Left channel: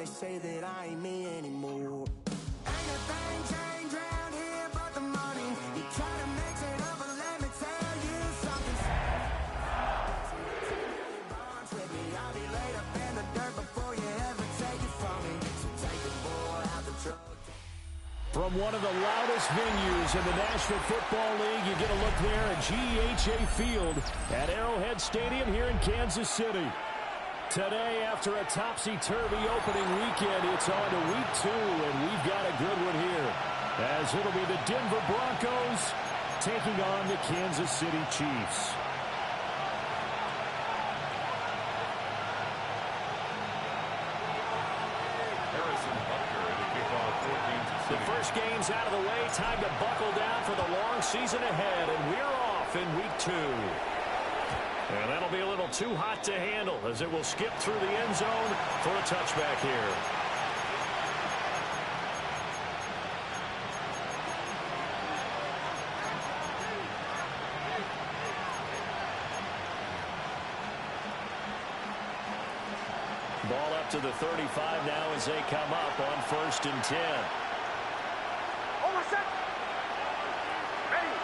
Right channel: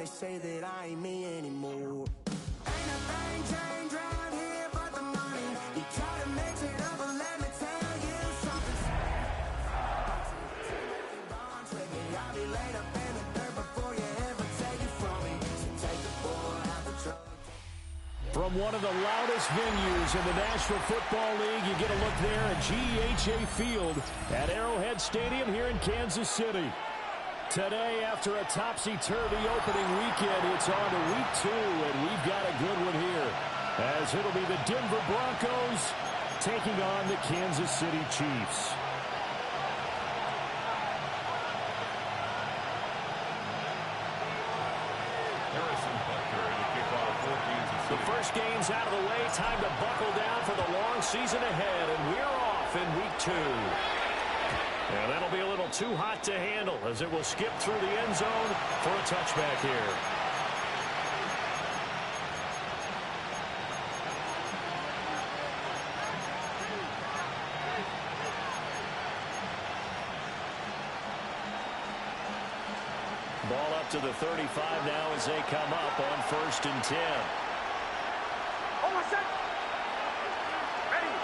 they say that I ain't me anymore. Ain't a thing changed around here but the money. You try to mix it up, but let me tell you something. I'll be laid up in the dirt before you ever take it from me. So take the boy out the truck. From one of the loudest venues in the National Football League, you get a look there at GEHA Field at Arrowhead Stadium here in Kansas City. Today, after a topsy-turvy opening weekend, it's on to week 2, and we've got a good one here, as it'll be the Denver Broncos taking on the Kansas City Chiefs. Harrison Butker to kick off for Kansas City. The first game's out of the way. Time to buckle down for the long season ahead, and we're off in week 2. And that'll be a little too hot to handle as it will skip through the end zone for a touchback here. Ball up to the 35 now as they come up on 1st and 10. Almost set. Ready.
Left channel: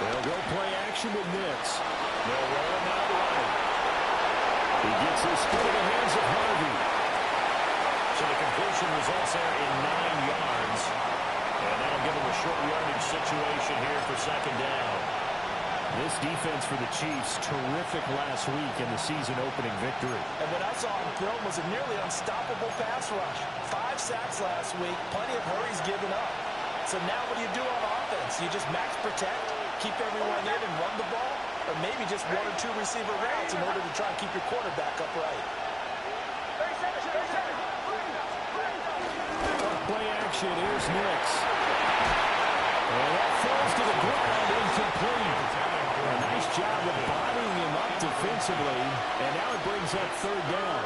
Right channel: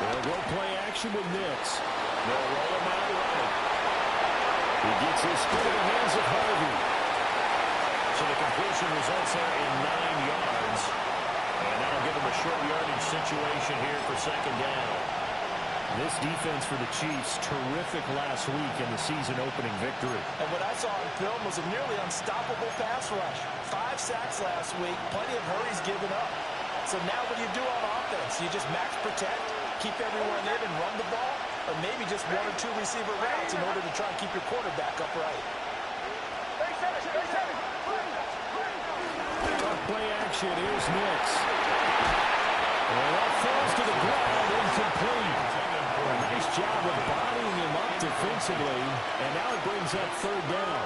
They'll go play action with Nix. They'll roll him out right. He gets his foot in the hands of Harvey. So the completion results there in 9 yards. And that'll give him a short yardage situation here for 2nd down. This defense for the Chiefs, terrific last week in the season-opening victory. And what I saw on film was a nearly unstoppable pass rush. 5 sacks last week, plenty of hurries given up. So now what do you do on offense? You just max protect, keep everyone in and run the ball, or maybe just 1 or 2 receiver routes in order to try and keep your quarterback upright. Play action, here's Nix. And that falls to the ground, incomplete. A nice job of bodying him up defensively, and now it brings up 3rd down.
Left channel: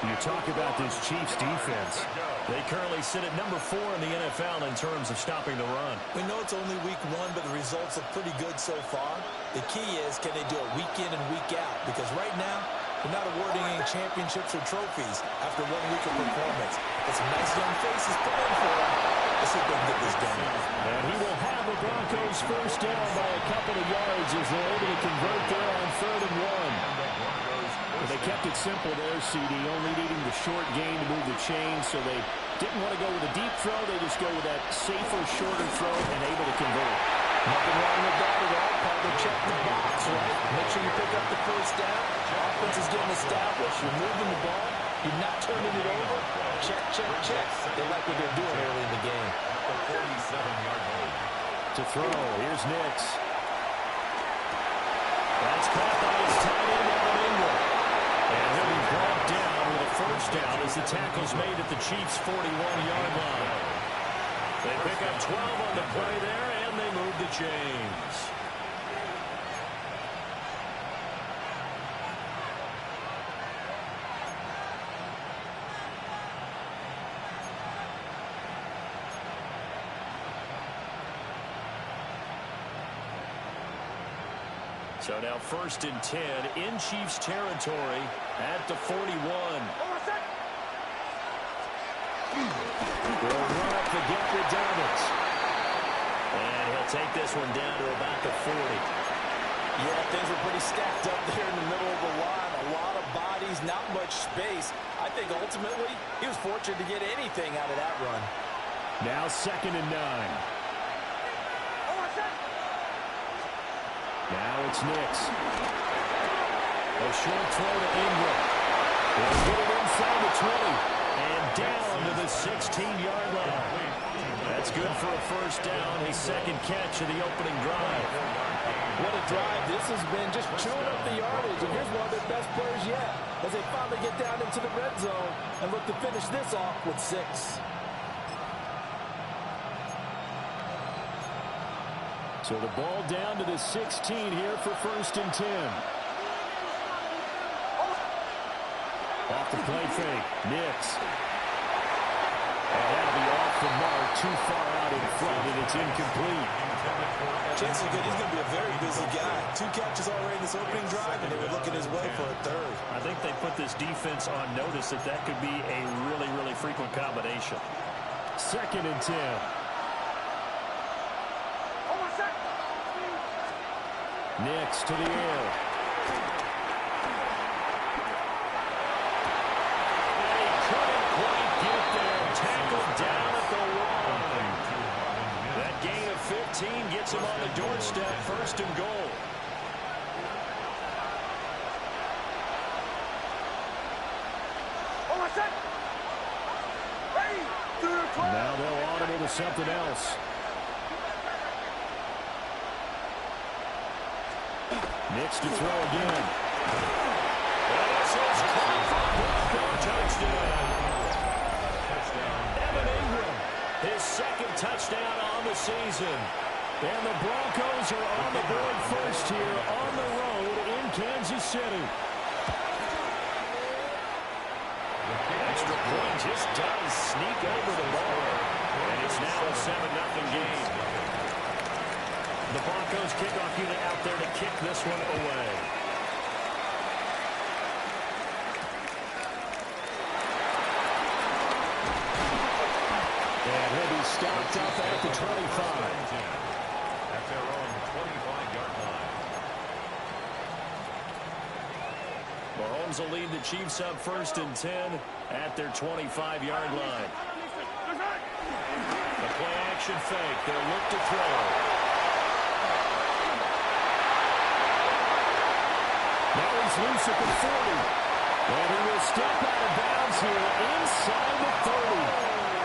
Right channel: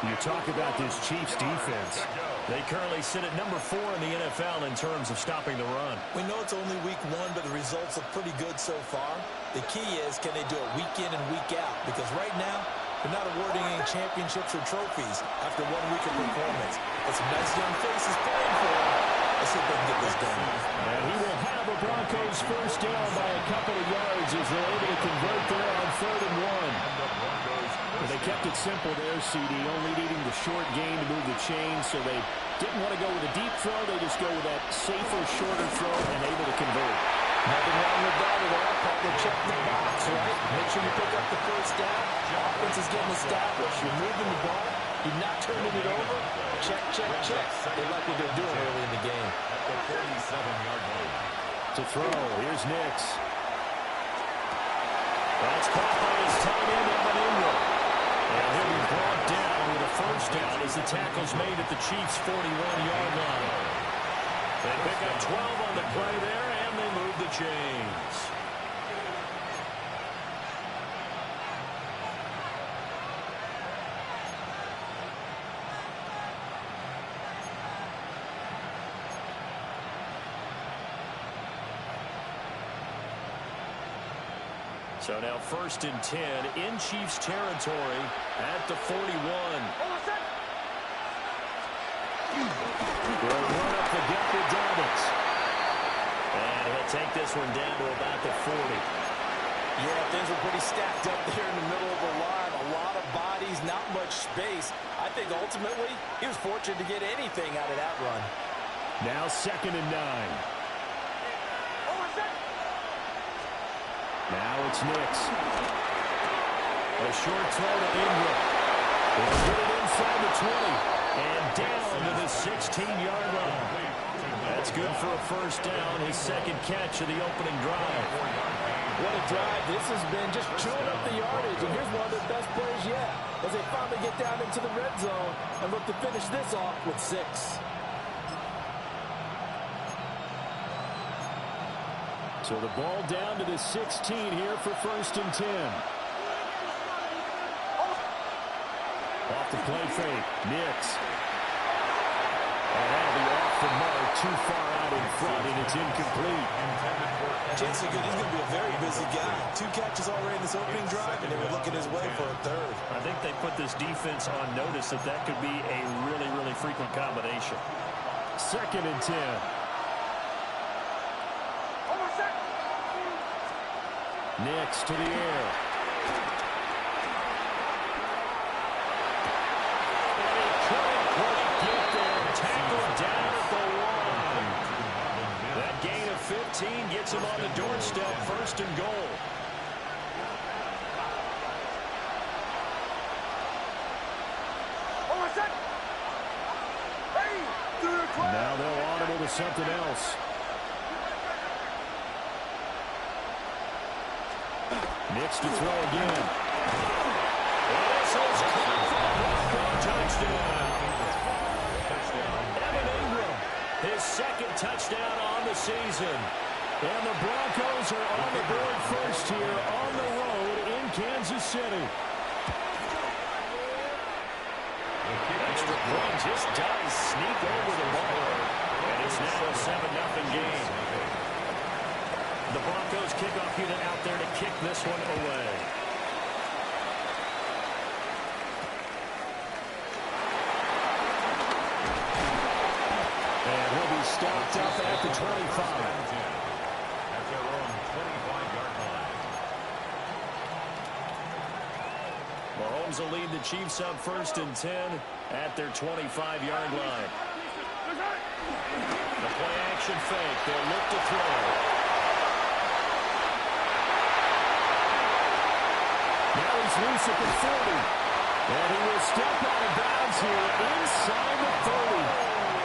You talk about this Chiefs defense. They currently sit at number 4 in the NFL in terms of stopping the run. We know it's only week 1, but the results look pretty good so far. The key is, can they do it week in and week out? Because right now, they're not awarding any championships or trophies after 1 week of performance. But some nice young faces playing for them. Let's see if they can get this done. And he will have the Broncos 1st down by a couple of yards as they're able to convert there on 3rd and 1. But they kept it simple there, CD, only needing the short gain to move the chains, so they didn't want to go with a deep throw. They just go with that safer, shorter throw and able to convert. Nothing wrong with that at all. Part of check the box, right? Make sure you pick up the 1st down. Offense is getting established. You're moving the ball. You're not turning it over. Check, check, check. They like what they're doing early in the game. At the 47-yard line. To throw, here's Nix. That's caught by his tight end, Evan Ingram. And he'll be brought down with a 1st down as the tackle's made at the Chiefs' 41-yard line. They pick up 12 on the play there, and they move the chains. So now 1st and 10 in Chiefs territory at the 41. They'll run up the gap with Dobbins. And he'll take this one down to about the 40. Yeah, things were pretty stacked up there in the middle of the line. A lot of bodies, not much space. I think ultimately he was fortunate to get anything out of that run. Now 2nd and 9. Now it's Nix. A short throw to Ingram. He'll get it inside the 20. And down to the 16-yard line. That's good for a 1st down. His 2nd catch of the opening drive. What a drive this has been, just chewing up the yardage. And here's one of their best players yet as they finally get down into the red zone and look to finish this off with 6. So the ball down to the 16 here for 1st and 10. Off the play fake, Nix. And that'll be off the mark, too far out in front, and it's incomplete. Chances are good he's going to be a very busy guy. 2 catches already in this opening drive, and they were looking his way for a third. I think they put this defense on notice that that could be a really, really frequent combination. 2nd and 10. Nix to the air. And he couldn't quite get there. Tackled down at the 1. That gain of 15 gets him on the doorstep, 1st and goal. Now they'll audible to something else. Nix to throw again. And this is caught for a Bronco touchdown. Evan Ingram, his 2nd touchdown on the season. And the Broncos are on the board first here on the road in Kansas City. Extra point just does sneak over the bar. And it's now a 7-0 game. The Broncos kickoff unit out there to kick this one away. And he'll be stopped up at the 25. At their own 25-yard line. Mahomes will lead the Chiefs up 1st and 10 at their 25-yard line. The play action fake. They'll look to throw. Now he's loose at the 40. And he will step out of bounds here inside the 30.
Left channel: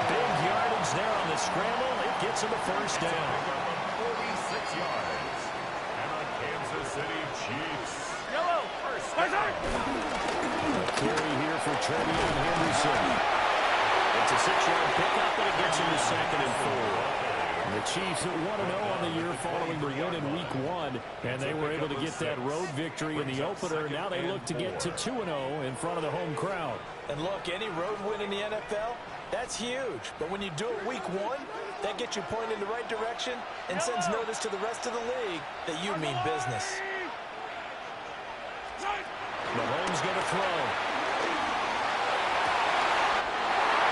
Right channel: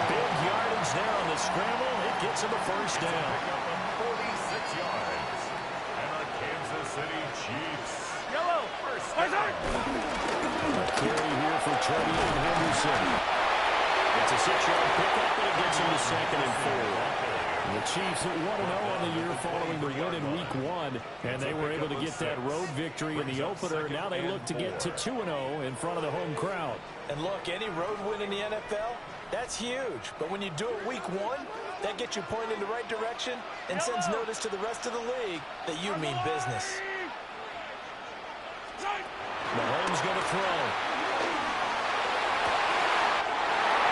Big yardage there on the scramble. It gets him a 1st down. Pick up of 46 yards. And the Kansas City Chiefs. Yellow. First down. A carry here for Trevion Henderson. It's a 6-yard pickup, and it gets him to 2nd and 4. The Chiefs at 1-0 on the year following the win in Week 1, and they were able to get that road victory in the opener. Now they look to get to 2-0 in front of the home crowd. And look, any road win in the NFL, that's huge. But when you do it Week 1, that gets you pointed in the right direction and sends notice to the rest of the league that you mean business. Mahomes going to throw.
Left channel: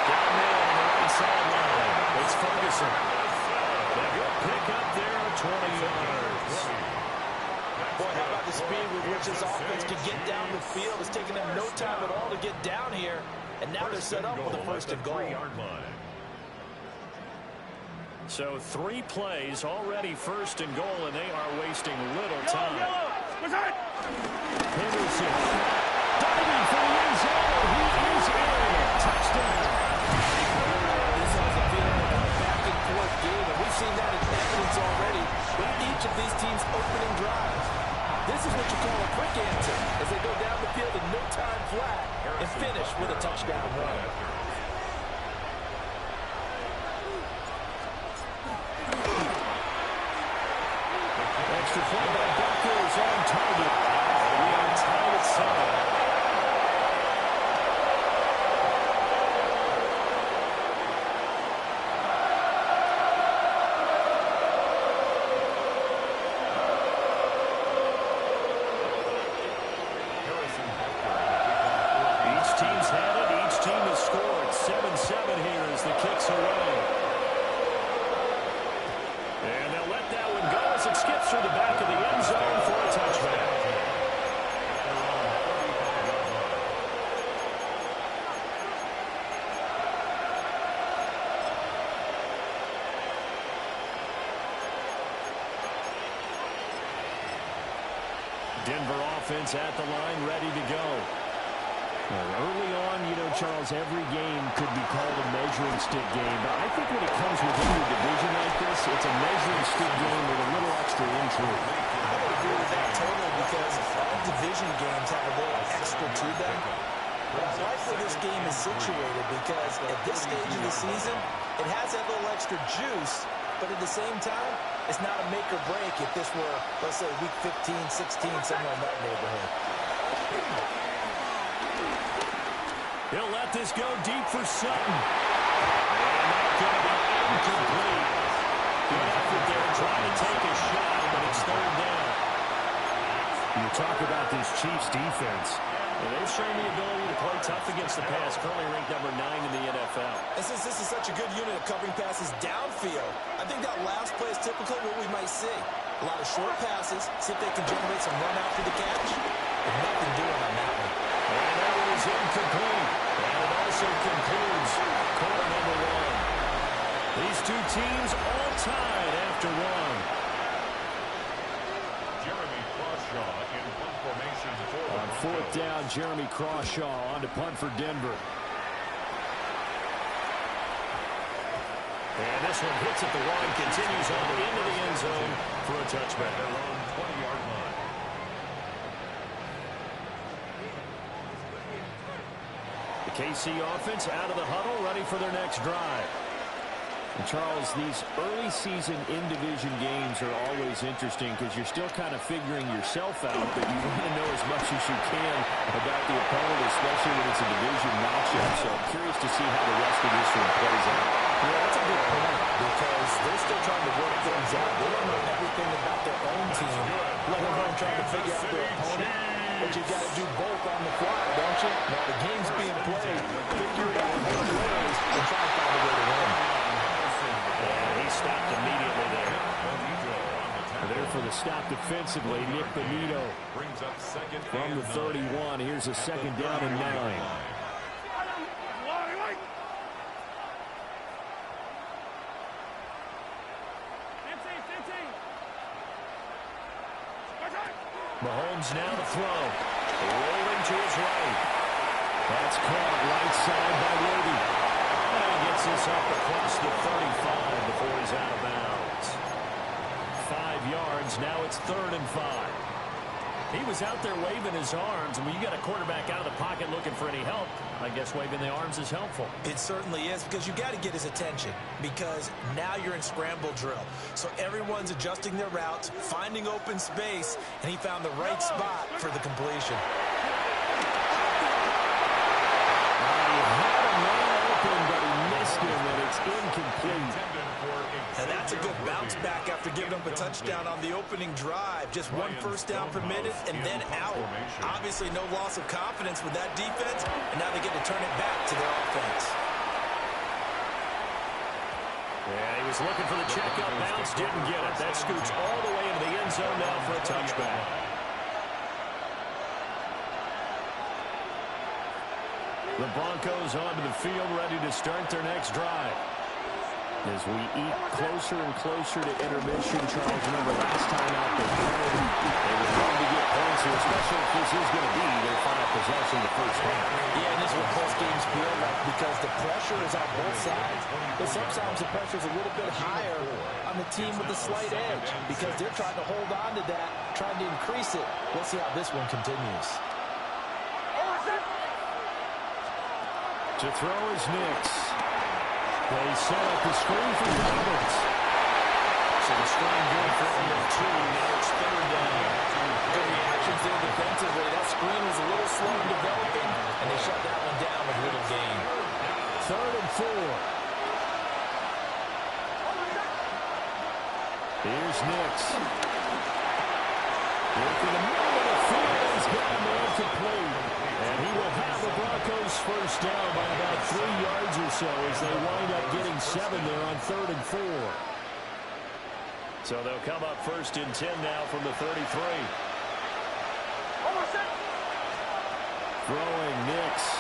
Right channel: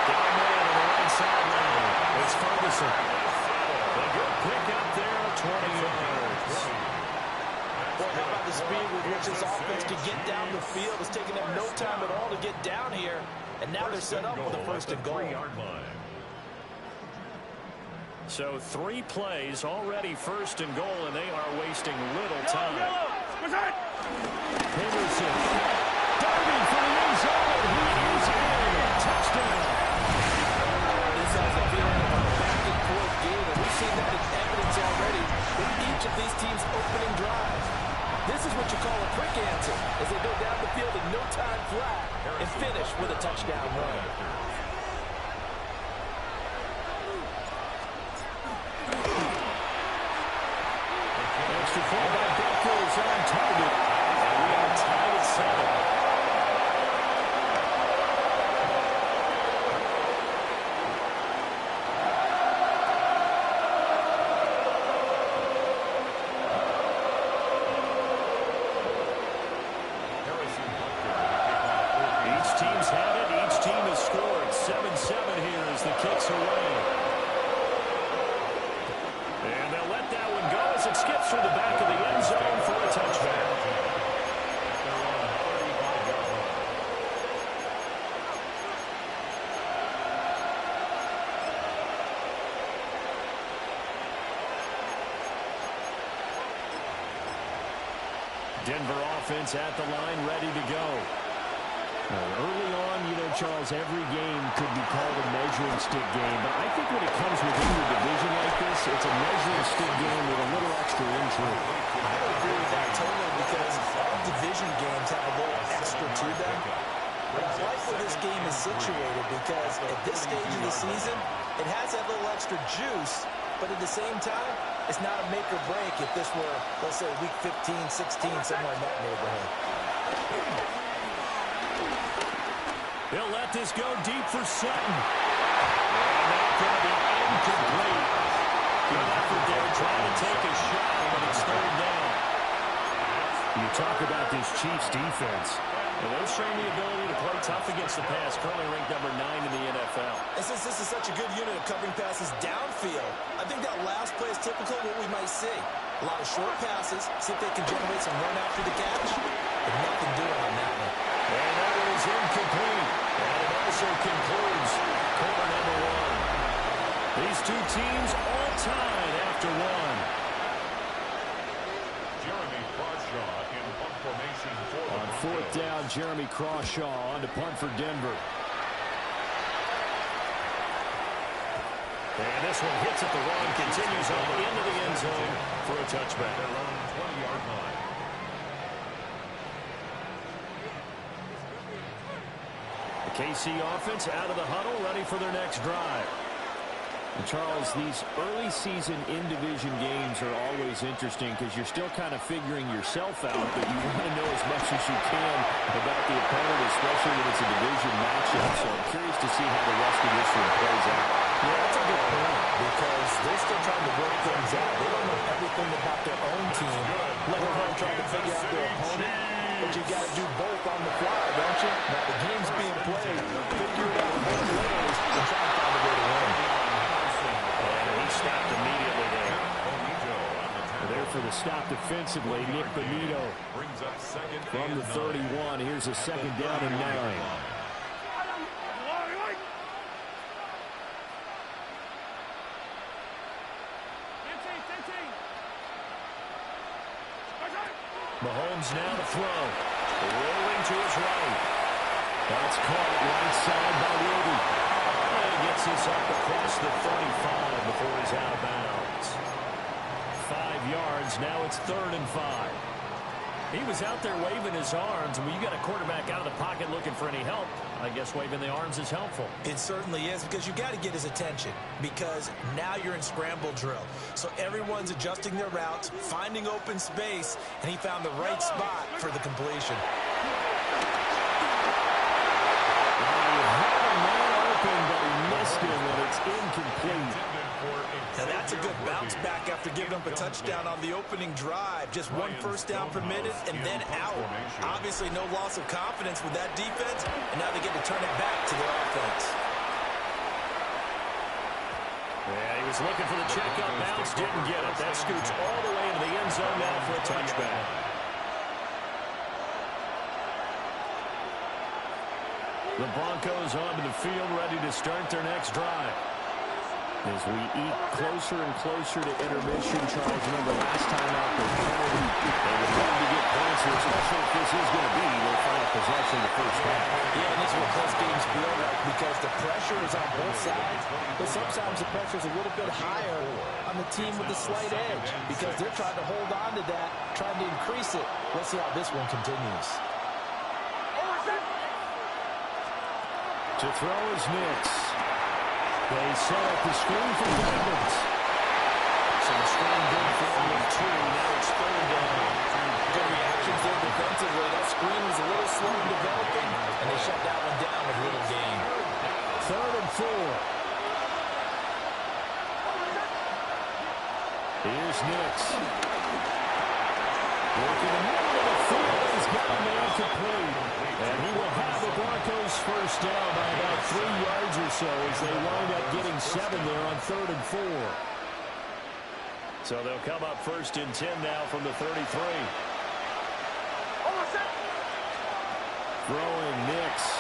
Down man on the right sideline. It's Ferguson. A good pick up there of 20 yards. Boy, how about the speed with which this offense can get down the field? It's taken them no time at all to get down here. And now they're set up with a 1st and goal. So 3 plays already 1st and goal, and they are wasting little time. Henderson diving for the end zone. He is in. Touchdown. This has a feeling of a back-and-forth game, and we've seen that in evidence already with each of these teams' opening drives. This is what you call a quick answer as they go down the field in no time flat and finish with a touchdown run. Extra point by Butker is on target, and we are tied at 7. Each team's had it. Each team has scored. 7-7 here as the kick's away. And they'll let that one go as it skips through the back of the end zone for a touchback. At their own 35-yard line. Denver offense at the line, ready to go. Early on, you know, Charles, every game could be called a measuring stick game. But I think when it comes within your division like this, it's a measuring stick game with a little extra intrigue. I would agree with that totally because all division games have a little extra to them. But I like where this game is situated because at this stage of the season, it has that little extra juice. But at the same time, it's not a make or break if this were, let's say, week 15, 16, somewhere in that neighborhood. He'll let this go deep for Sutton. And that's going to be incomplete. Good effort there trying to take a shot, but it's third down. You talk about this Chiefs defense. And they've shown the ability to play tough against the pass, currently ranked number 9 in the NFL. And since this is such a good unit of covering passes downfield, I think that last play is typical of what we might see. A lot of short passes, see if they can generate some run after the catch, but nothing doing on that one. And that one is incomplete. And it also concludes quarter number 1. These two teams all tied after one. Jeremy Crawshaw in punt formation for the On Broncos. fourth down, Jeremy Crawshaw on to punt for Denver. And this one hits at the 1, continues on into the end zone for a touchback. At their own 20-yard line. The KC offense out of the huddle, ready for their next drive. And Charles, these early season in-division games are always interesting because you're still kind of figuring yourself out, but you want to know as much as you can about the opponent, especially when it's a division matchup. So I'm curious to see how the rest of this one plays out. Yeah, that's a good point because they're still trying to work things out. They don't know everything about their own team, let alone trying to figure out their opponent. But you've got to do both on the fly, don't you? Now the game's being played. Figure it out both ways and try and find a way to win. And he stopped immediately there. There for the stop defensively, Nick Bonito Brings up second from the 31. Here's a second down and 9. Mahomes now to throw. Rolling to his right. That's caught right side by Worthy. And he gets this up across the 35 before he's out of bounds. 5 yards. Now it's 3rd and 5. He was out there waving his arms, and when you got a quarterback out of the pocket looking for any help, I guess waving the arms is helpful. It certainly is because you got to get his attention because now you're in scramble drill. So everyone's adjusting their routes, finding open space, and he found the right spot for the completion. He had a man open, but he missed him, and it's incomplete. Now that's a good bounce back after giving up a touchdown on the opening drive. Just one first down permitted and then out. Obviously no loss of confidence with that defense, and now they get to turn it back to their offense. Yeah, he was looking for the check-up bounce, didn't get it. That scoots all the way into the end zone now for a touchback. The Broncos onto the field, ready to start their next drive. As we eat closer and closer to intermission, Charles, remember last time out they would love to get points here, especially if this is going to be their final possession of the first half. Yeah, and this is what close games feel like because the pressure is on both sides, but sometimes the pressure is a little bit higher on the team with the slight edge because they're trying to hold on to that, trying to increase it. Let's see how this one continues. To throw is Nix. They set up the screen for Douglas. So the screen good for only 2. Now it's 3rd down. Good reactions there defensively. That screen was a little slow in developing, and they shut that one down with little gain. 3rd and 4. Here's Nix. Working the middle of the field. He's got a man complete. And he will have the Broncos first down by about 3 yards or so as they wind up getting 7 there on 3rd and 4. So they'll come up 1st and 10 now from the 33. Throwing Nix.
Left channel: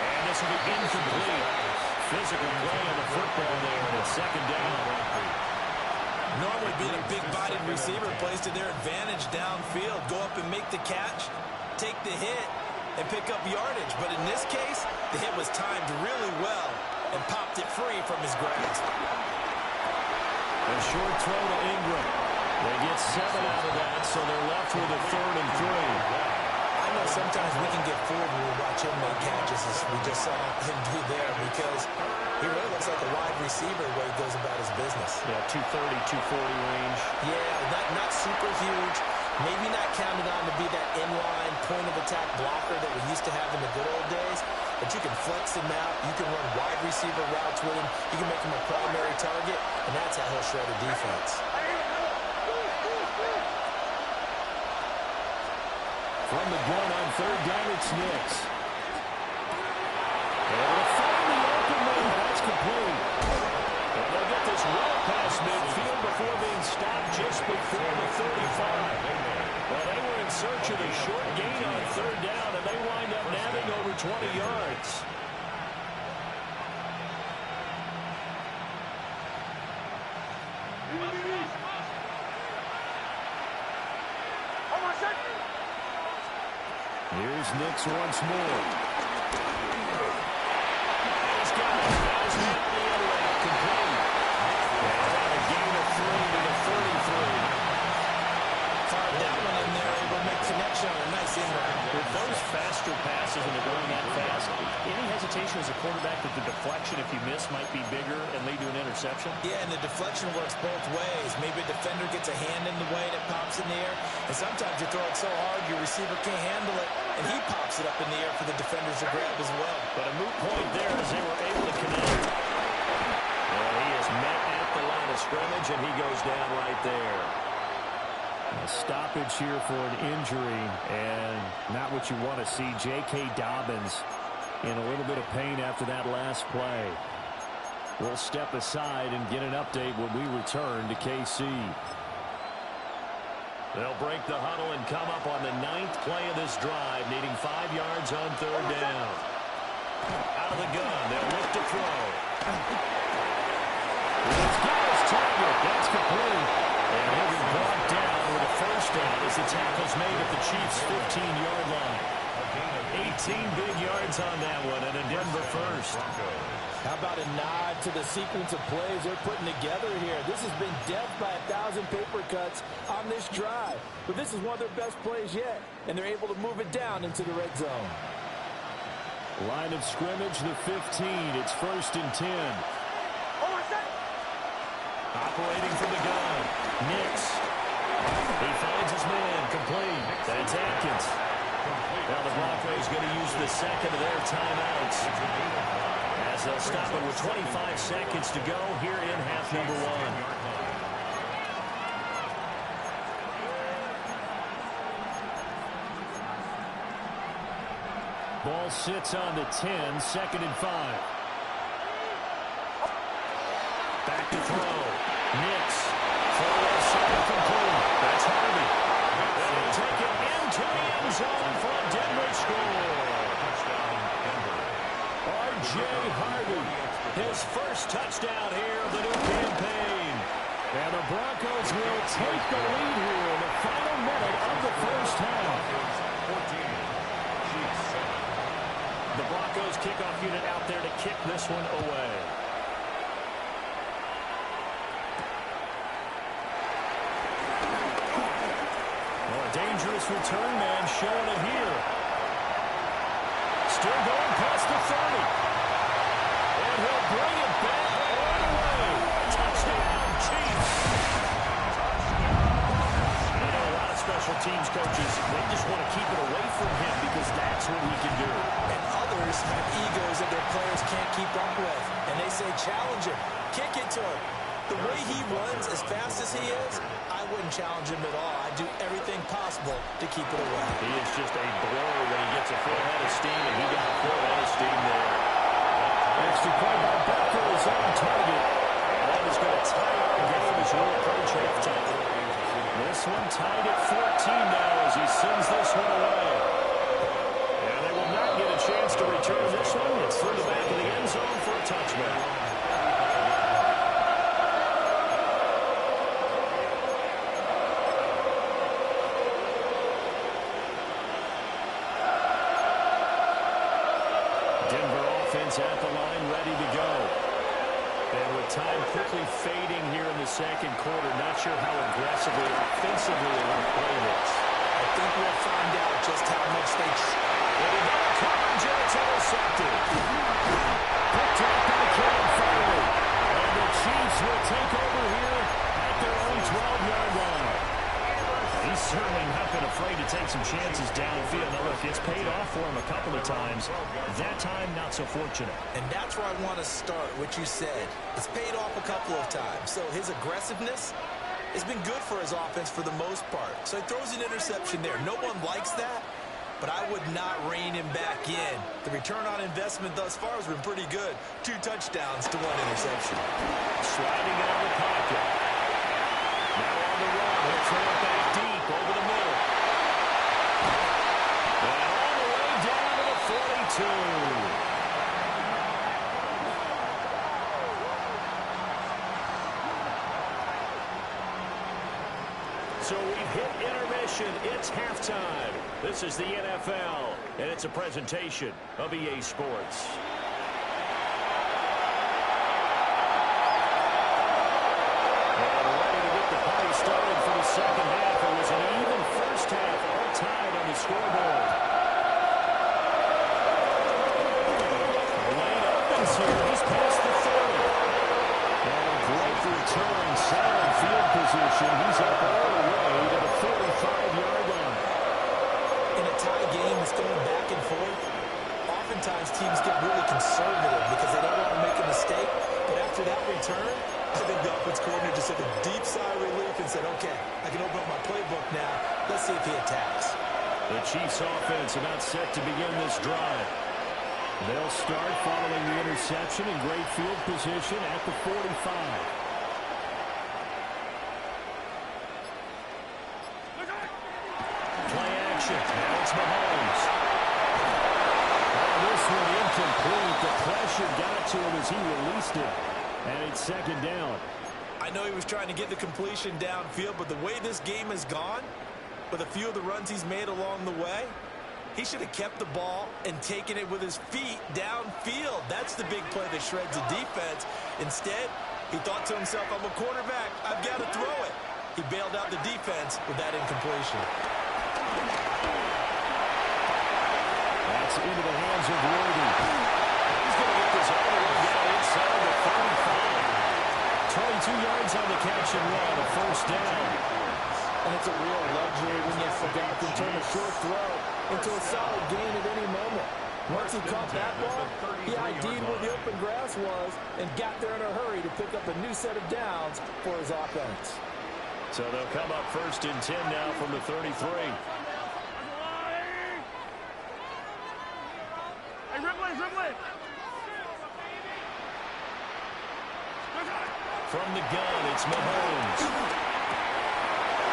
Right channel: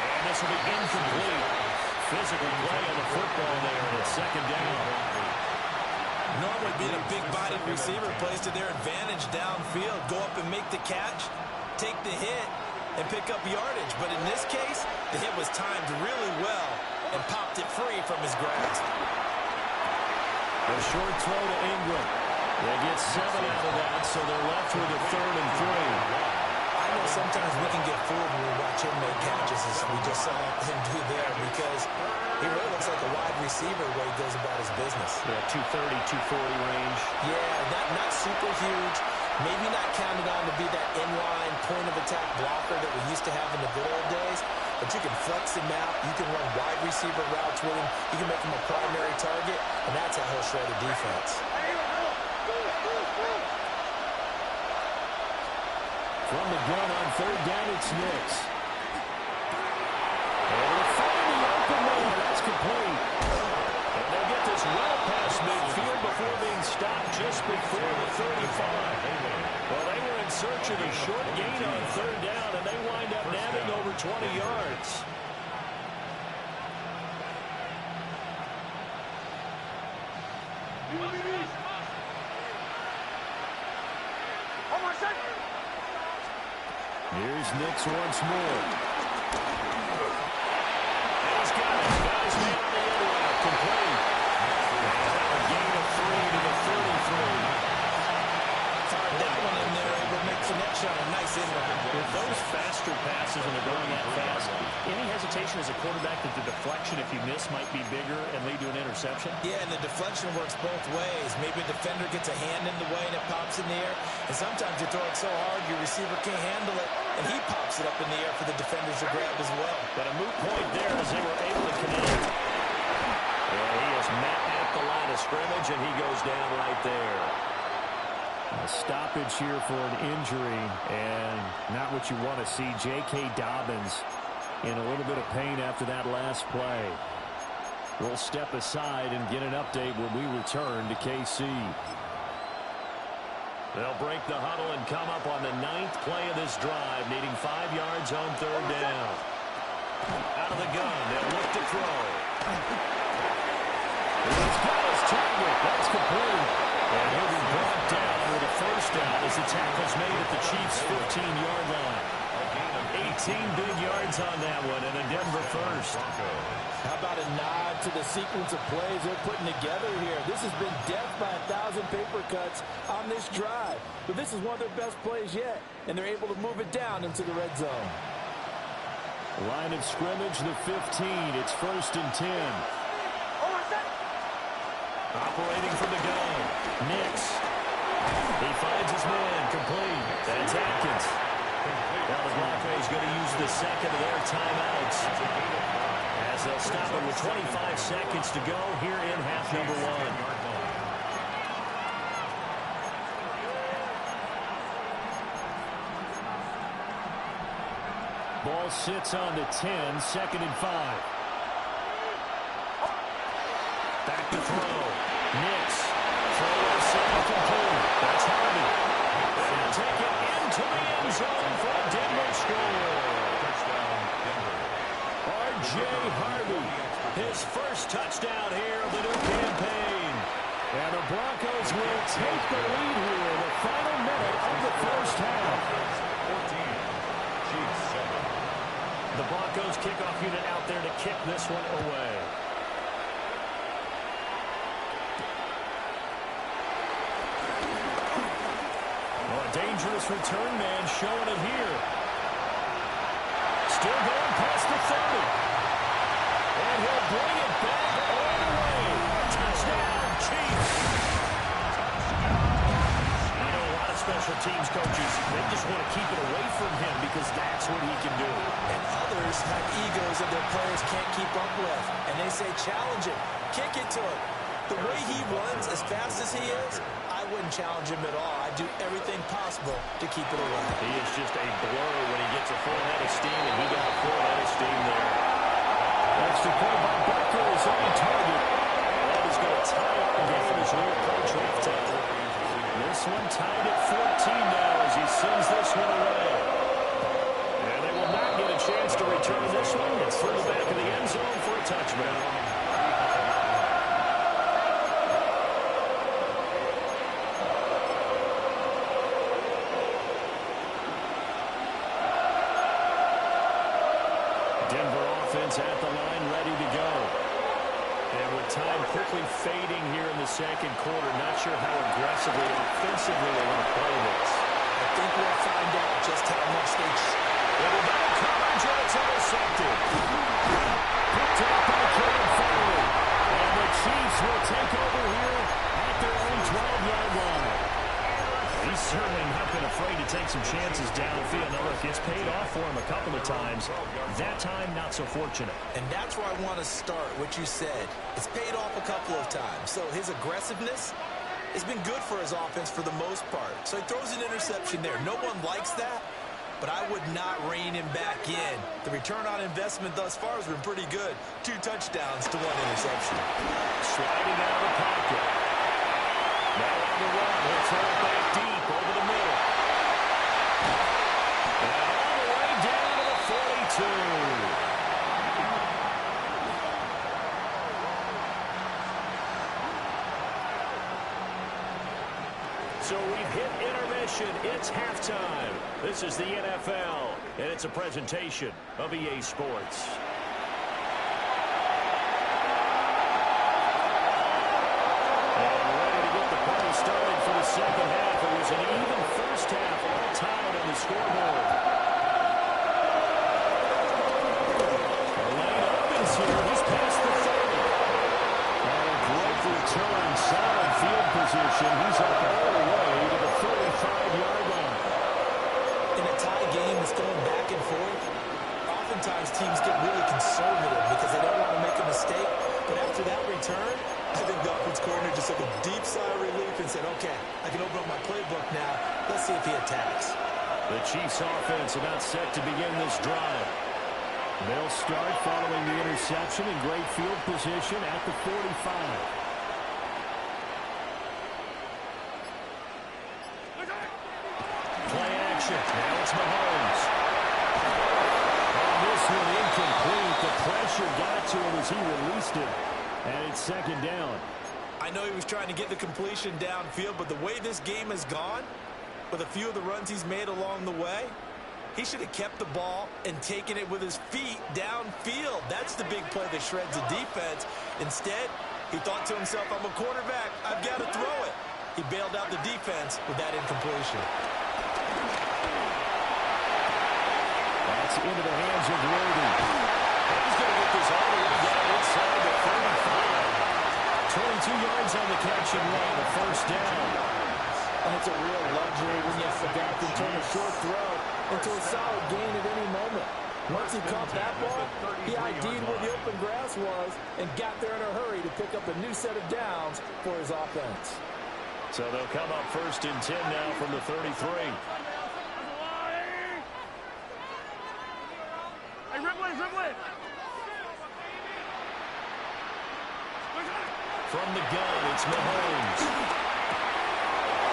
And this will be incomplete. Physical play on the football there, and it's 2nd down. Normally being a big-bodied receiver plays to their advantage downfield. Go up and make the catch, take the hit, and pick up yardage. But in this case, the hit was timed really well and popped it free from his grasp. A short throw to Ingram. They get 7 out of that, so they're left with a 3rd and 3. I know sometimes we can get fooled when we watch him make catches as we just saw him do there because he really looks like a wide receiver the way he goes about his business. Yeah, 230, 240 range. Yeah, not super huge, Maybe not counted on to be that inline point-of-attack blocker that we used to have in the good old days, but you can flex him out. You can run wide receiver routes with him. You can make him a primary target, and that's how he'll shred a defense. From the gun on third down, it's Nix. Able to find the open man. That's complete. And they'll get this well past midfield before being stopped just before the 35. Well, they were in search of a short gain on third down, and they wind up nabbing over 20 yards. Here's Nix once more. And he's got it. Got his man on the end route. Complete. And a gain of 3 to the 33. Fired that one in there, able to make connection on a nice in route. With those faster passes and they're going that fast, any hesitation as a quarterback that the deflection, if you miss, might be bigger and lead to an interception? Yeah, and the deflection works both ways. Maybe a defender gets a hand in the way and it pops in the air. And sometimes you throw it so hard your receiver can't handle it, and he pops it up in the air for the defenders to grab as well. But a moot point there as they were able to connect. And he is met at the line of scrimmage, and he goes down right there. A stoppage here for an injury, and not what you want to see. J.K. Dobbins in a little bit of pain after that last play. We'll step aside and get an update when we return to KC. They'll break the huddle and come up on the 9th play of this drive, needing 5 yards on third down. Out of the gun, they'll look to throw. He's got his target. That's complete. And he'll be brought down with a first down as the tackle's made at the Chiefs' 15-yard line. 18 big yards on that one, and a Denver first. How about a nod to the sequence of plays they're putting together here? This has been death by 1,000 paper cuts on this drive. But this is one of their best plays yet, and they're able to move it down into the red zone. Line of scrimmage, the 15. It's 1st and 10. Operating from the gun, Nix. He finds his man, complete. That's Atkins. Now the Broncos going to use the second of their timeouts as they'll stop it with 25 seconds to go here in half number 1. Ball sits on the 10, 2nd and 5. Back to throw. Nix. Throw left side complete. That's Harvey. And he'll take it into the end zone for a Denver score. Touchdown, Denver. R.J. Harvey. His first touchdown here of the new campaign. And the Broncos will take the lead here in the final minute of the first half. 14, Chiefs 7. The Broncos kickoff unit out there to kick this one away. Dangerous return man showing it here. Still going past the 30. And he'll bring it back all the way. Touchdown, Chiefs. I know a lot of special teams coaches, they just want to keep it away from him because that's what he can do. And others have egos that their players can't keep up with. And they say, challenge him. Kick it to him. The way he runs as fast as he is, I wouldn't challenge him at all. I'd do everything possible to keep it away. He is just a blur when he gets a full head of steam, and he got a full head of steam there. Extra point by Becker is on target. That is going to tie our game as we approach halftime. This one tied at 14 now as he sends this one away. And they will not get a chance to return this one. It's through the back of the end zone for a touchback. Denver offense at the line, ready to go. And with time quickly fading here in the second quarter, not sure how aggressively or offensively they want to play this. I think we'll find out just how much they... Into double coverage, and it's intercepted. Picked up by Cam Farley. And the Chiefs will take over here at their own 12-yard line. He's certainly afraid to take some chances downfield. Now, look, it's paid off for him a couple of times. That time, not so fortunate. And that's where I want to start, what you said. It's paid off a couple of times. So his aggressiveness has been good for his offense for the most part. So he throws an interception there. No one likes that, but I would not rein him back in. The return on investment thus far has been pretty good. 2 touchdowns to 1 interception. Sliding out of the pocket. Now on the run. He'll throw it back deep over the middle. And all the way down to the 42. So we've hit intermission. It's halftime. This is the NFL, and it's a presentation of EA Sports. And ready to get the party started for the second half. It was an even first half, all tied on the scoreboard. The lane opens here. He's past the 30. And a great return, solid field position. He's up all the way to the 45-yard line. In a tie game that's going back and forth, oftentimes teams get really conservative because they don't want to make a mistake. But after that return, I think the offense coordinator just took a deep sigh of relief and said, okay, I can open up my playbook now. Let's see if he attacks. The Chiefs offense about set to begin this drive. They'll start following the interception in great field position at the 45. Play action. Now it's Mahomes. On this one, incomplete. The pressure got to him as he released it. And it's second down. I know he was trying to get the completion downfield, but the way this game has gone, with a few of the runs he's made along the way, he should have kept the ball and taken it with his feet downfield. That's the big play that shreds the defense. Instead, he thought to himself, I'm a quarterback. I've got to throw it. He bailed out the defense with that incompletion. That's into the hands of Worthy. He's going to get this all the way down inside the 35. 22 yards on the catch and run, a first down. And it's a real luxury when you have a guy who can turn a short throw into a solid gain at any moment. Once he caught that ball, he ID'd where the open grass was and got there in a hurry to pick up a new set of downs for his offense. So they'll come up first and 10 now from the 33. Hey, Ripley, Ripley. From the gun, it's Mahomes.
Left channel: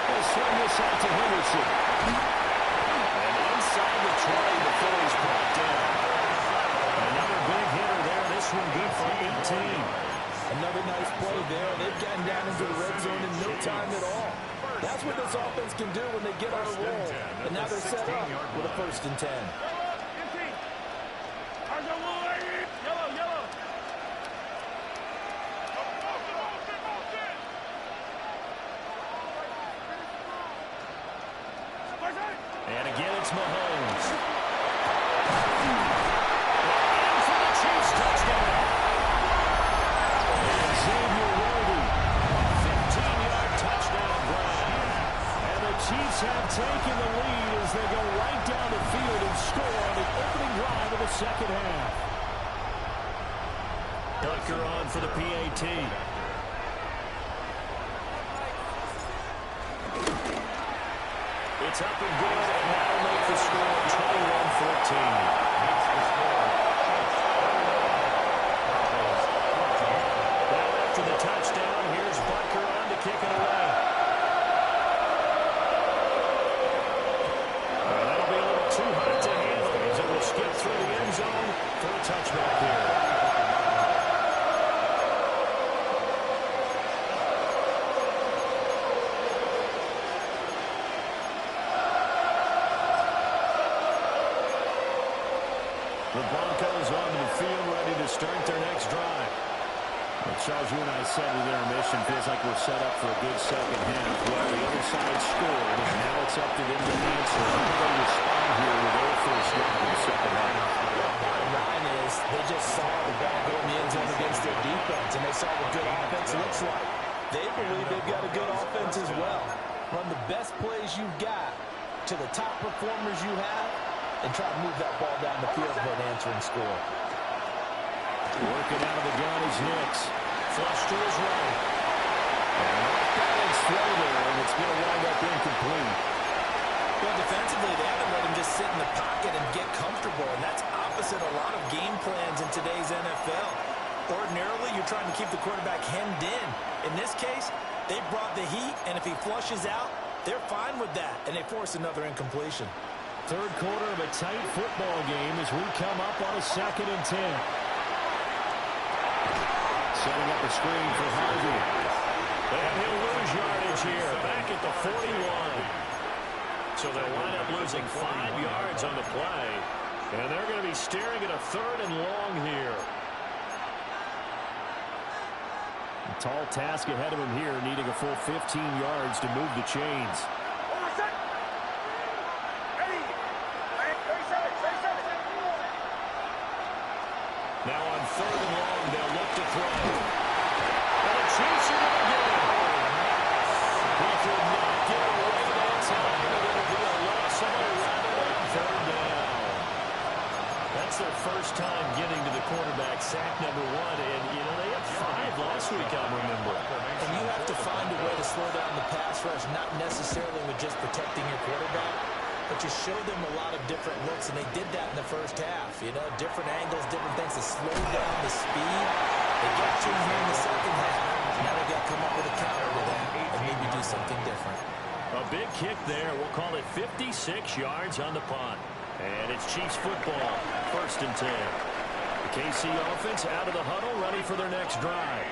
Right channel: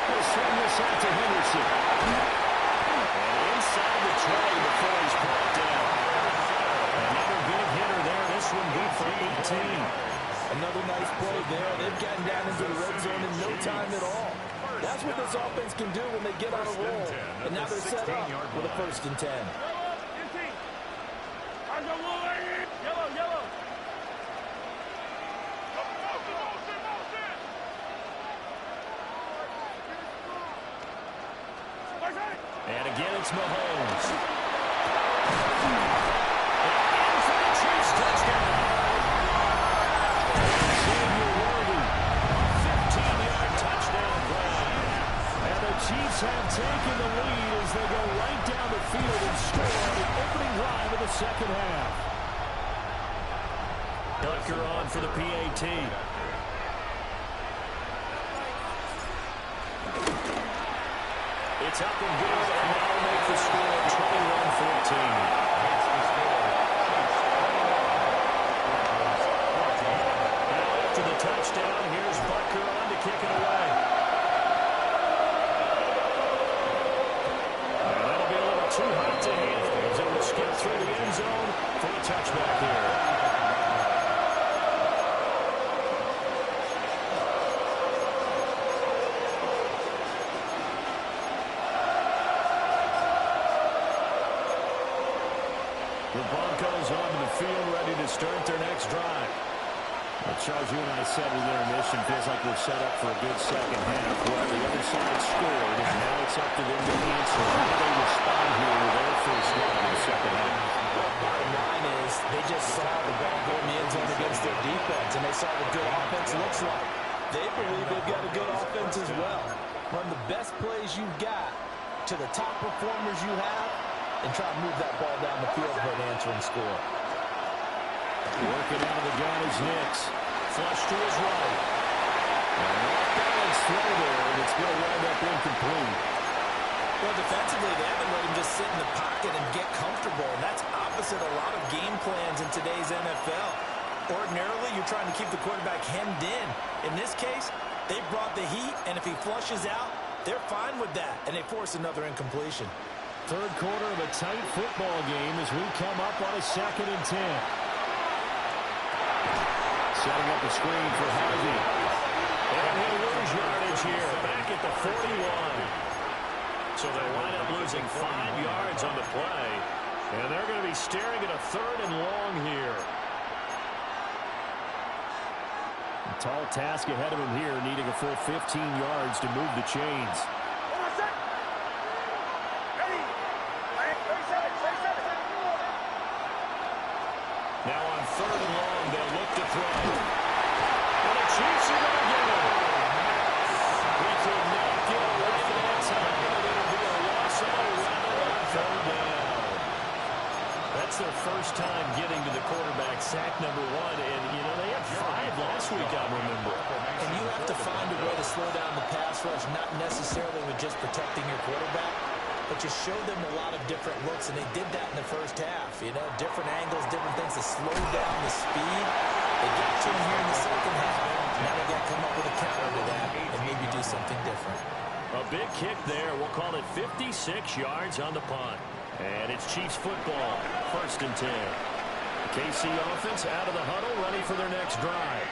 He'll swing this out to Henderson. And inside the 20 before he's brought down. Another big hitter there. This one good for 18. Another nice play there. They've gotten down into the red zone in no time at all. That's what this offense can do when they get on a roll. And now they're set up with a 1st and 10. Yellow, yellow. And again, it's Mahomes. And for the Chiefs touchdown. And Xavier Worthy, a 15-yard touchdown grab. And the Chiefs have taken the lead as they go right down the field and score on the opening drive of the second half. Tucker on for the PAT. It's up and good, and that'll make the score 21-14. Makes the score. Now after the touchdown, here's Butker on to kick it away. Well, that'll be a little too hot to handle as it will skip through the end zone for a touchback here. The Broncos onto the field, ready to start their next drive. Well, Charles, you and I said in intermission, feels like we're set up for a good second half. Well, the other side scored, and now it's up to them to answer. How do they respond here with their first drive in the second half? Well, bottom line is they just saw the ball go in the end zone against their defense, and they saw what good offense looks like. They believe they've got a good offense as well. Run the best plays you've got, to the top performers you have and try to move that ball down the field for an answering score. Working out of the gun is Nix. Flush to his right. And an off-balance throw there, and it's going to wind up incomplete. Well, defensively, they haven't let him just sit in the pocket and get comfortable, and that's opposite a lot of game plans in today's NFL. Ordinarily, you're trying to keep the quarterback hemmed in. In this case, they brought the heat, and if he flushes out, they're fine with that, and they force another incompletion. Third quarter of a tight football game as we come up on a 2nd and 10. Setting up a screen for Harvey. And he'll lose yardage here, back at the 41. So they'll wind up losing 5 yards on the play. And they're going to be staring at a 3rd and long here. A tall task ahead of him here, needing a full 15 yards to move the chains. Now on 3rd and long, they'll look to throw. And the Chiefs are going to get him. He could not get away that time, and it'll be a loss of 11 on 3rd down. That's their first time getting to the quarterback, sack number 1. And, you know, they had 5 last week, I remember. And you have to find a way to slow down the pass rush, not necessarily with just protecting your quarterback, but you show them a lot of different looks, and they did that in the first half. You know, different angles, different things to slow down the speed. They got you in here in the second half. Now they've got to come up with a counter to that and maybe do something different. A big kick there. We'll call it 56 yards on the punt. And it's Chiefs football, 1st and 10. The KC offense out of the huddle, ready for their next drive.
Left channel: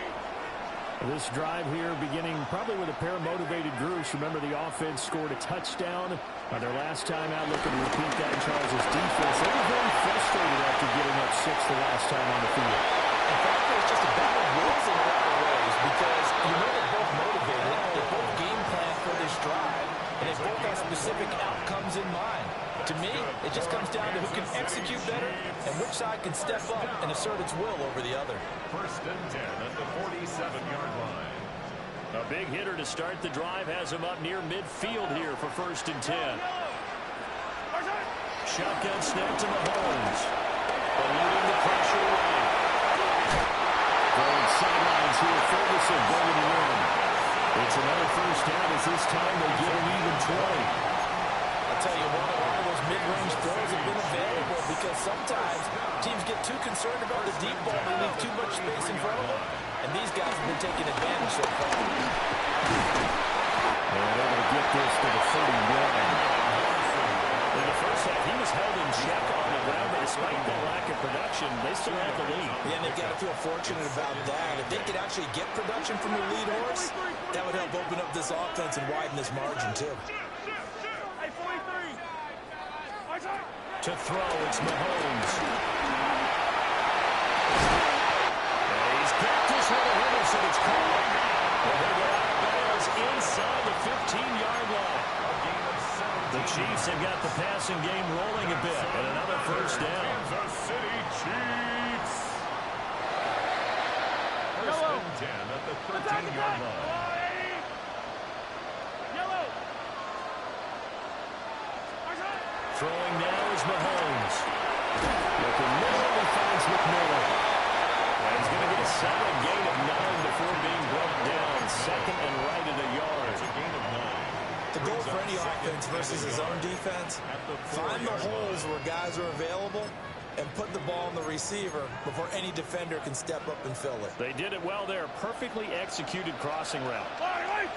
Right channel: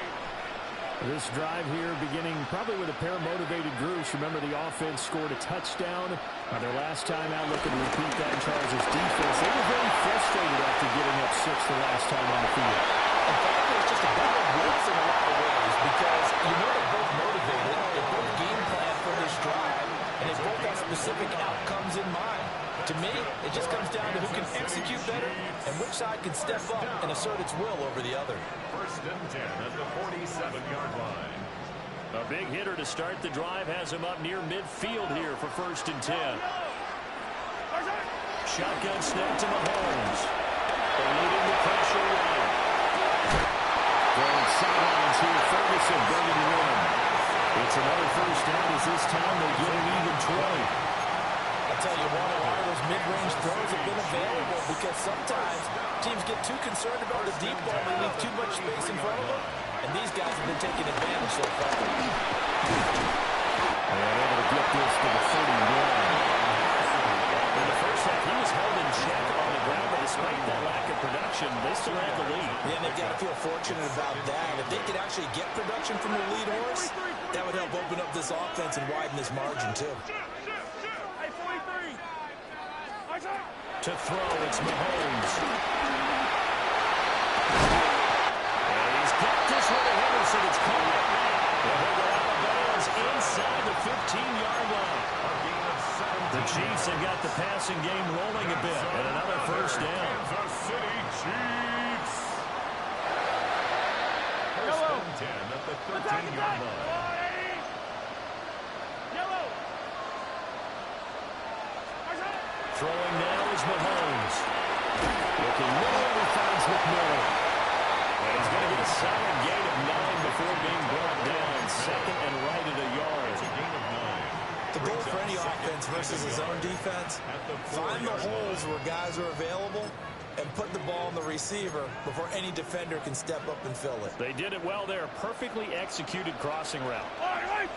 This drive here beginning probably with a pair of motivated groups. Remember, the offense scored a touchdown their last time out, looking to repeat that in Charles' defense. They were very frustrated after giving up 6 the last time on the field. In fact, it's just a battle of wills in a lot of ways because you know they're both motivated, they both game plan for this drive, and they both have specific outcomes in mind. To me, it just comes down to who can execute better and which side can step up and assert its will over the other. 1st and 10 at the 47-yard line. A big hitter to start the drive has him up near midfield here for 1st and 10. Shotgun snap to Mahomes. Eluding the pressure right. Going sidelines here, Ferguson bringing it in. It's another 1st down as this time they get an even 20. I'll tell you what, a lot of those mid-range throws have been available because sometimes teams get too concerned about the deep ball. They leave too much space in front of them, and these guys have been taking advantage so far. And able to get this to the 31. In the first half, he was held in check on the ground, but despite that lack of production, they still had the lead. Yeah, and they've got to feel fortunate about that. If they could actually get production from the lead horse, that would help open up this offense and widen this margin, too. To throw, it's Mahomes. And he's got this one to Henderson. It's caught. And he'll go out of bounds inside the 15-yard line. A gain of 17. The Chiefs have got the passing game rolling a bit. And another 1st down. Kansas City Chiefs. 1st and 10 at the 13-yard line. Yellow. Throwing now is Mahomes. Looking middle, he finds McMillan. And he's going to get a solid gain of 9 before being brought down. 2nd and right at a yard. It's a gain of 9. The goal for any offense versus his own defense, find the holes where guys are available and put the ball on the receiver before any defender can step up and fill it. They did it well there. Perfectly executed crossing route. And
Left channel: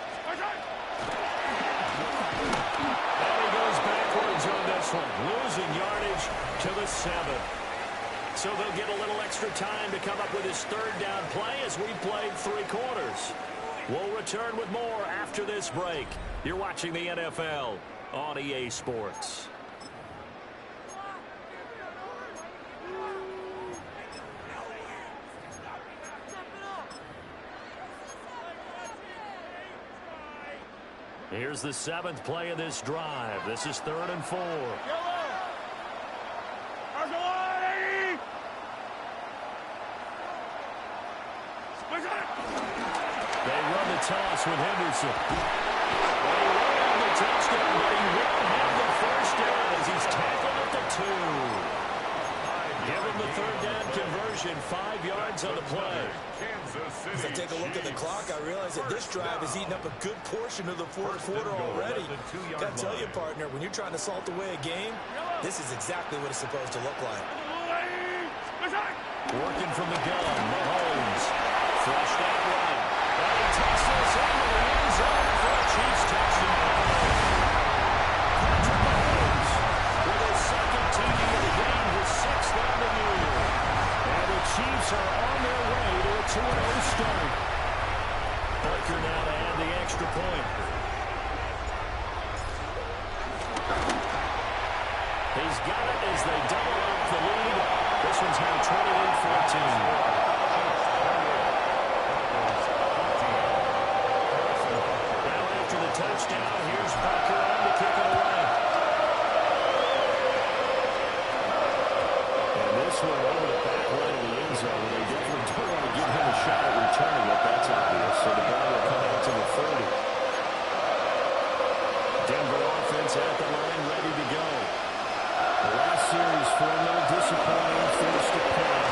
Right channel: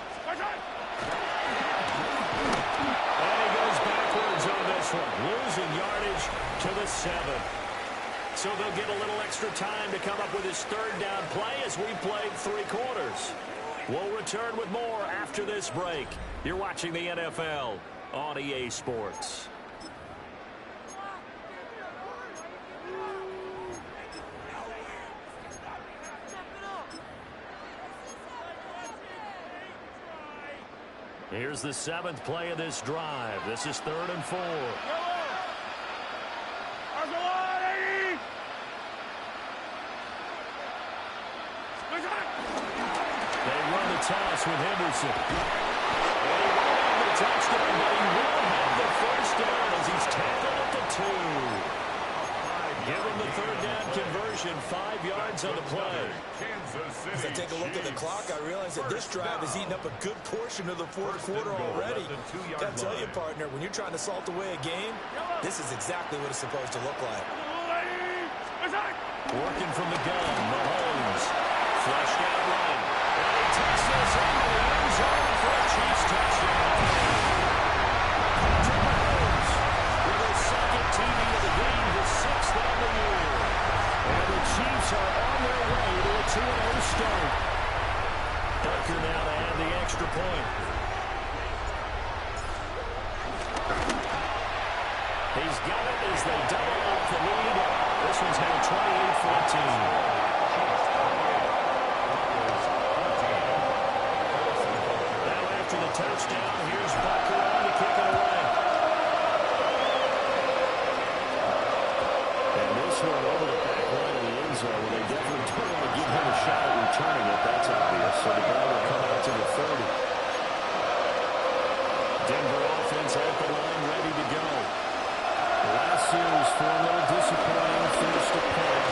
he goes backwards on this one. Losing yardage to the 7. So they'll get a little extra time to come up with his 3rd down play as we played 3 quarters. We'll return with more after this break. You're watching the NFL on EA Sports. Here's the 7th play of this drive. This is 3rd and 4. They run the toss with Henderson. And he won't have the touchdown, but he will have the first down as he's tackled at the 2. Give him the third down conversion, 5 yards on the play. As I take a look at the clock, I realize that this drive has eaten up a good portion of the fourth quarter already. Got to tell you, partner, when you're trying to salt away a game, this is exactly what it's supposed to look like. Working from the gun, Mahomes. Flushed out right. And he takes this into the end zone for a Chiefs touchdown. Patrick Mahomes with his second TD of the game, his 6th on the year. And the Chiefs are on their way to a 2-0 start. Parker now to add the extra point. He's got it as they double up the lead. This one's now 28-14. After the touchdown, here's Bucker on to kick it away. And this one over the back line of the end zone. They definitely don't want to give him a shot at returning it. That's obvious. So the ball will come out to the 30. Denver offense at the line, ready to go. The last series for a little disappointing. First to point.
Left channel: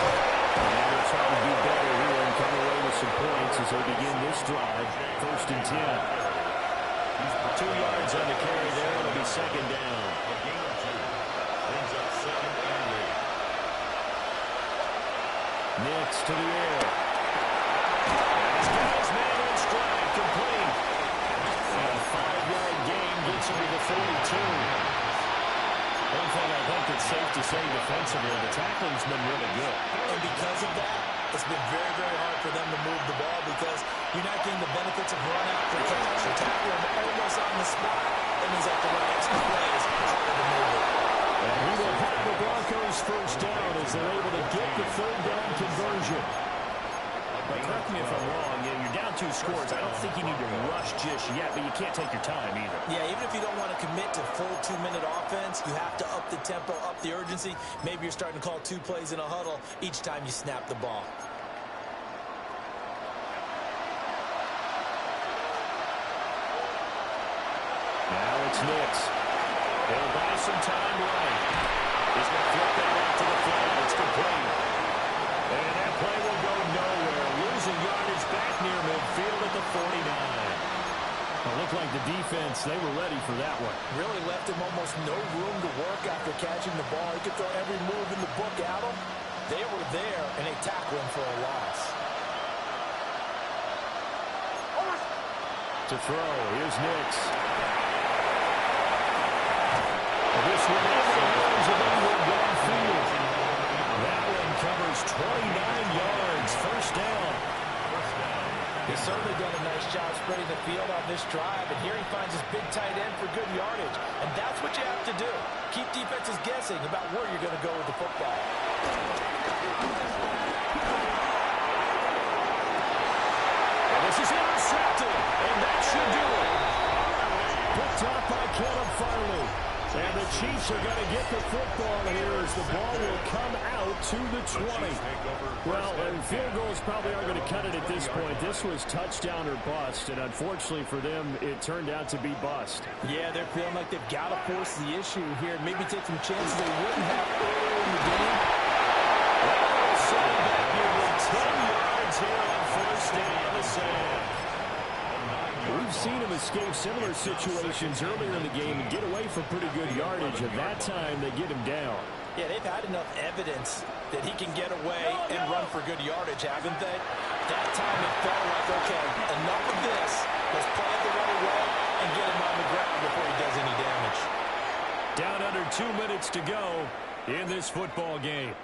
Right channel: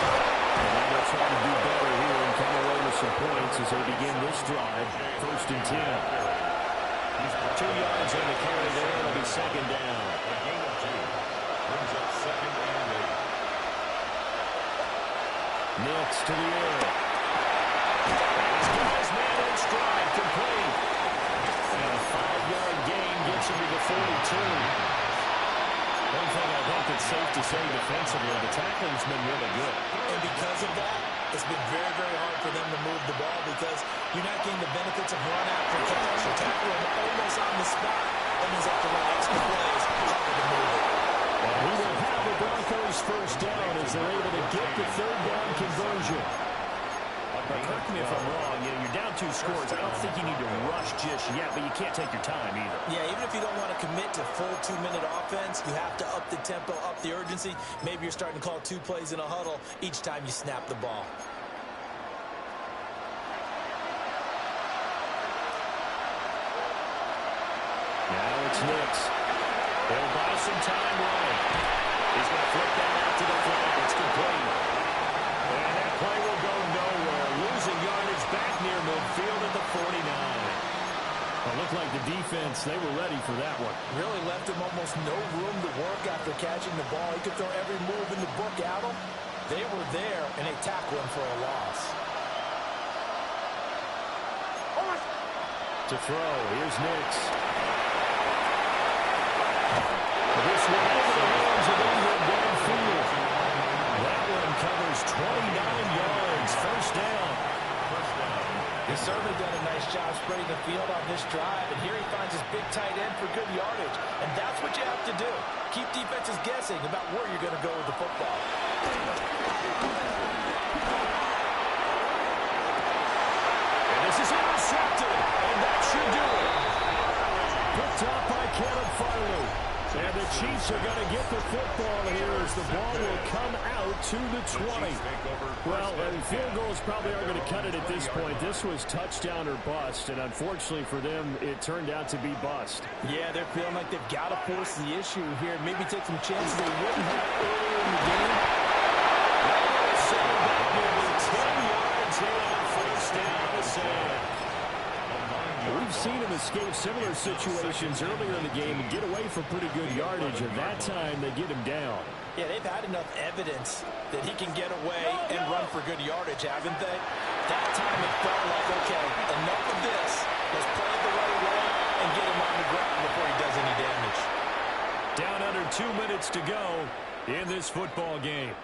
And now they'll try to do better here and come away with some points as they begin this drive. 1st and 10. 2 yards on the carry there. It'll be second down. A gain of 2. Brings up 2nd and 8. Nix to the air. And he's got his man in stride, complete. And a 5-yard gain gets him to the 42. One thing I think that's safe to say defensively, the tackling's been really good. And because of that, it's been very, very hard for them to move the ball because you're not getting the benefits of run after catch. You're tackling almost on the spot. That means after run extra plays, harder to move it. And he will have the Broncos first down as they're able to get the third down conversion. But correct me if I'm wrong, you're down 2 scores. I don't think you need to rush just yet, but you can't take your time either. Yeah, even if you don't want to commit to full 2-minute offense, you have to up the tempo, up the urgency. Maybe you're starting to call 2 plays in a huddle each time you snap the ball. Now it's Nix. They'll buy some time right. He's going to flip that out to the flat. It's complete. And that play will go nowhere. Losing yardage back near midfield at the 49. It looked like the defense, they were ready for that one. Really left him almost no room to work after catching the ball. He could throw every move in the book at him. They were there, and they tackle him for a loss. To throw, here's Nix. This one over the hands of Ingram downfield. That one covers 29 yards. First down. He's certainly done a nice job spreading the field on this drive, and here he finds his big tight end for good yardage. And that's what you have to do. Keep defenses guessing about where you're going to go with the football. And this is intercepted, and that should do it. Picked up by Caleb Farley. And the Chiefs are going to get the football here as the ball will come out to the 20. Well, field goals probably aren't going to cut it at this point. This was touchdown or bust, and unfortunately for them, it turned out to be bust. Yeah, they're feeling like they've got to force the issue here and maybe take some chances they wouldn't have earlier in the game. Well, setting back nearly 10 yards here on first down to Sam. We've seen him escape similar situations earlier in the game and get away for pretty good yardage, and that time they get him down. Yeah, they've had enough evidence that he can get away and run for good yardage, haven't they? That time it felt like, okay, enough of this. Let's play it the right way and get him on the ground before he does any damage. Down under 2 minutes to go in this football game.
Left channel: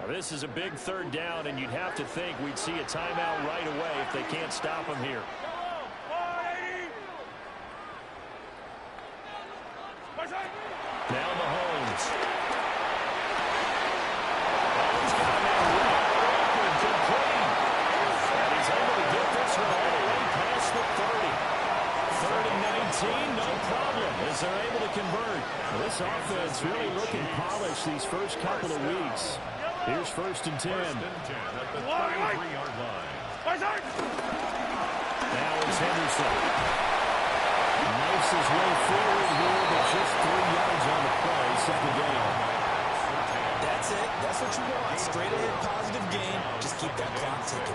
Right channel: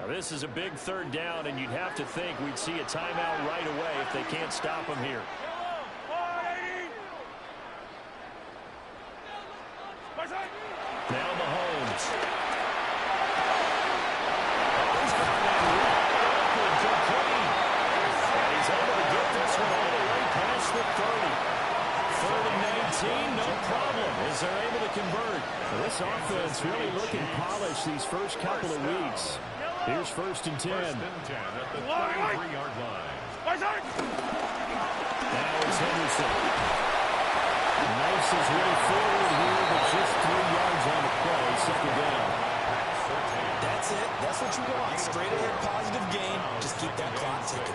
Now, this is a big third down, and you'd have to think we'd see a timeout right away if they can't stop him here. Now Mahomes. Oh, he's got a man wide open, complete. And he's able to get this one all the way past the 30. 3rd and 19, no problem, as they're able to convert. Well, this offense really looking polished these first couple of weeks. Here's 1st and 10. 1st and 10 at the 33-yard line. Now it's Henderson. Knifes his way forward here, but just 3 yards on the play. Second down. That's it. That's what you want. Straight ahead positive gain. Just keep that clock ticking.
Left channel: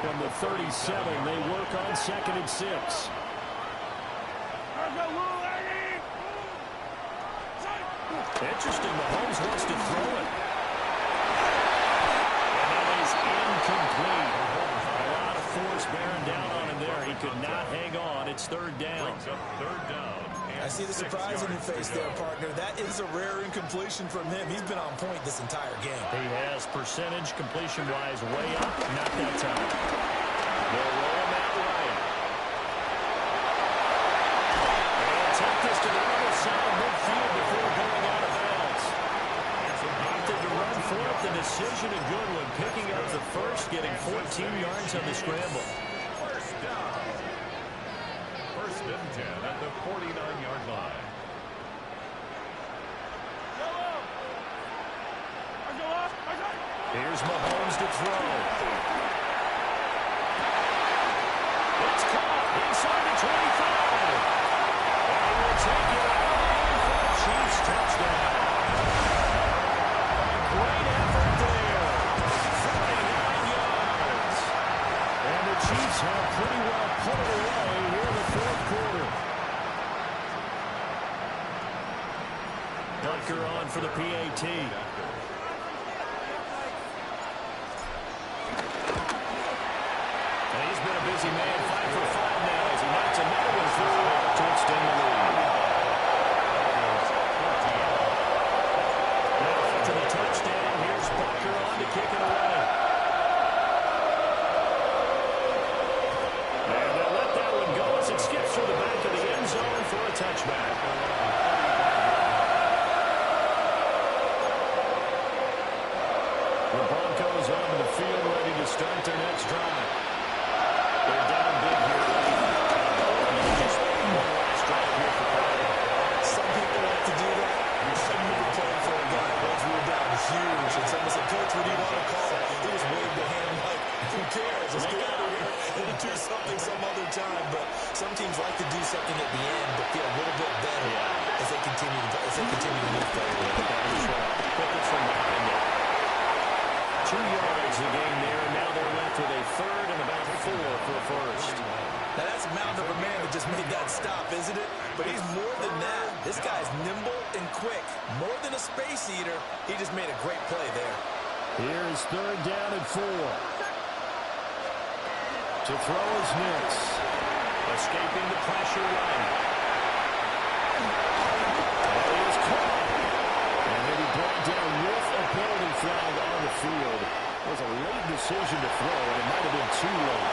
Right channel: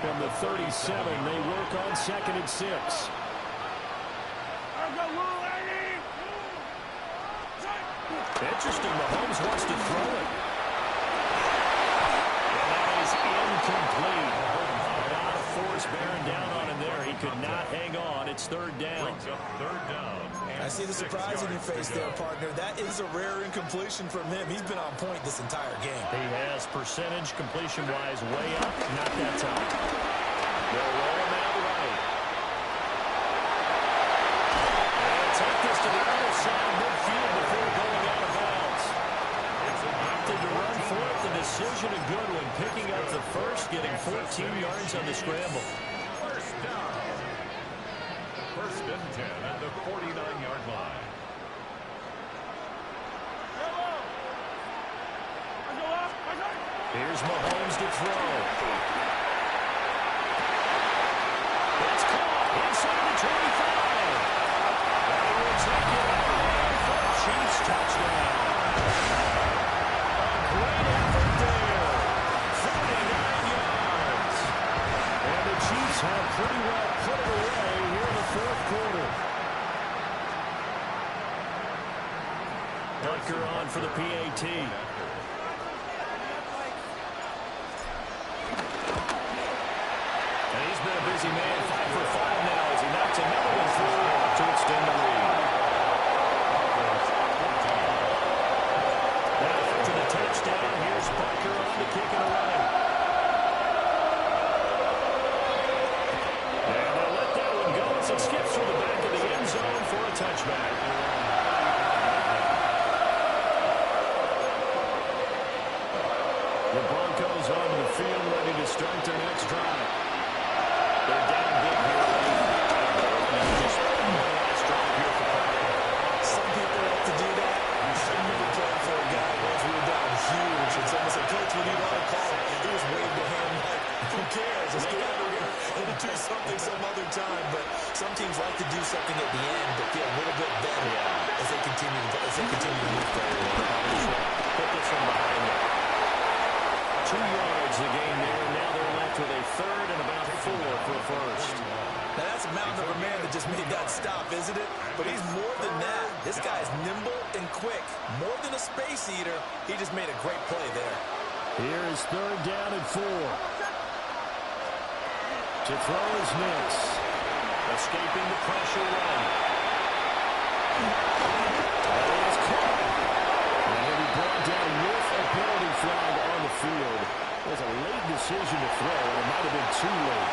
From the 37, they work on 2nd and 6. Interesting, Mahomes wants to throw it. And that is incomplete. A lot of force bearing down on him there. He could not hang on. It's 3rd down. Brings up 3rd down. I see the surprise in your face there, partner. That is a rare incompletion from him. He's been on point this entire game. He has percentage completion-wise way up. Not that time. They'll roll him out right. And take this to the other side of midfield before going out of bounds. Opted to run for it. The decision a good one. Picking up the first, getting 14 yards on the scramble. 1st down. 1st and 10 at the 49-yard line. Here's Mahomes to throw. It's caught inside the 25. And he will take it away for a Chiefs touchdown. A great effort there. 49 yards. And the Chiefs have pretty well put it away here in the 4th quarter. Butker on for the PAT. And he's been a busy man, 5 for 5 now as he knocks another one through to extend the lead. Now after the touchdown, here's Butker on to kick it away. And they'll let that one go as it skips through the back of the end zone for a touchback. The Broncos onto the field, ready to start their next drive. They're down big here late. Just one last drive here for Carter. Some people like to do that. You shouldn't have been playing for a guy once we were down huge. And someone said, Coach, what do you want to call? He just waved a hand like, who cares? Let's get out of here and do something some other time. But some teams like to do something at the end but feel a little bit better as they continue to move forward. Put this from behind them. 2 yards the game there, and now they're left with a 3rd and about 4 for a first. Now that's a mountain of a man that just made that stop, isn't it? But he's more than that. This guy's nimble and quick. More than a space eater, he just made a great play there. Here is 3rd down and 4. To throw is Nix. Escaping the pressure right. And he is caught. And he'll be brought down with a penalty flag on the field. It was a late decision to throw, and it might have been too late.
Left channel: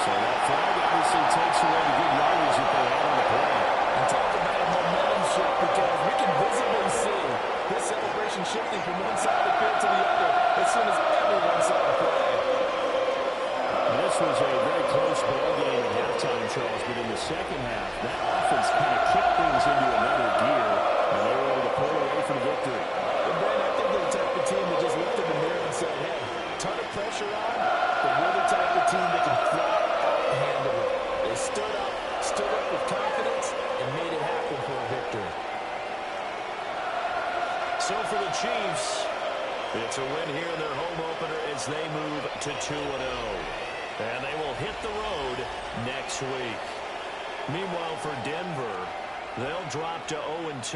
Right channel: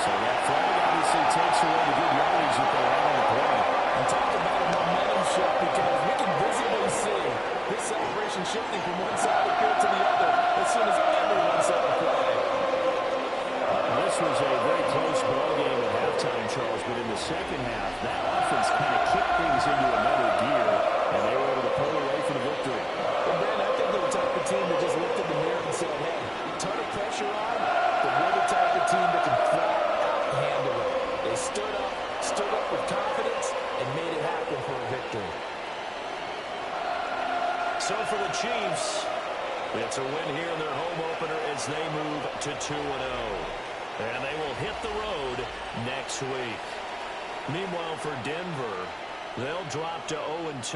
So that flag obviously takes away the good yardage that they had on the play. And talk about a momentum shift, because we can visibly see this celebration shifting from one side of the field to the other as soon as everyone saw the play. This was a very close ball game at halftime, Charles, but in the second half, that offense kind of kicked things into another gear, and they were able to pull away for the victory. But Ben, I think they're the type of team that just looked in the mirror and said, hey, ton of pressure on, but we're the type of team that can flat out handle it. They stood up with confidence, and made it happen for a victory. So for the Chiefs, it's a win here in their home opener as they move to 2-0. And they will hit the road next week. Meanwhile, for Denver, they'll drop to 0-2.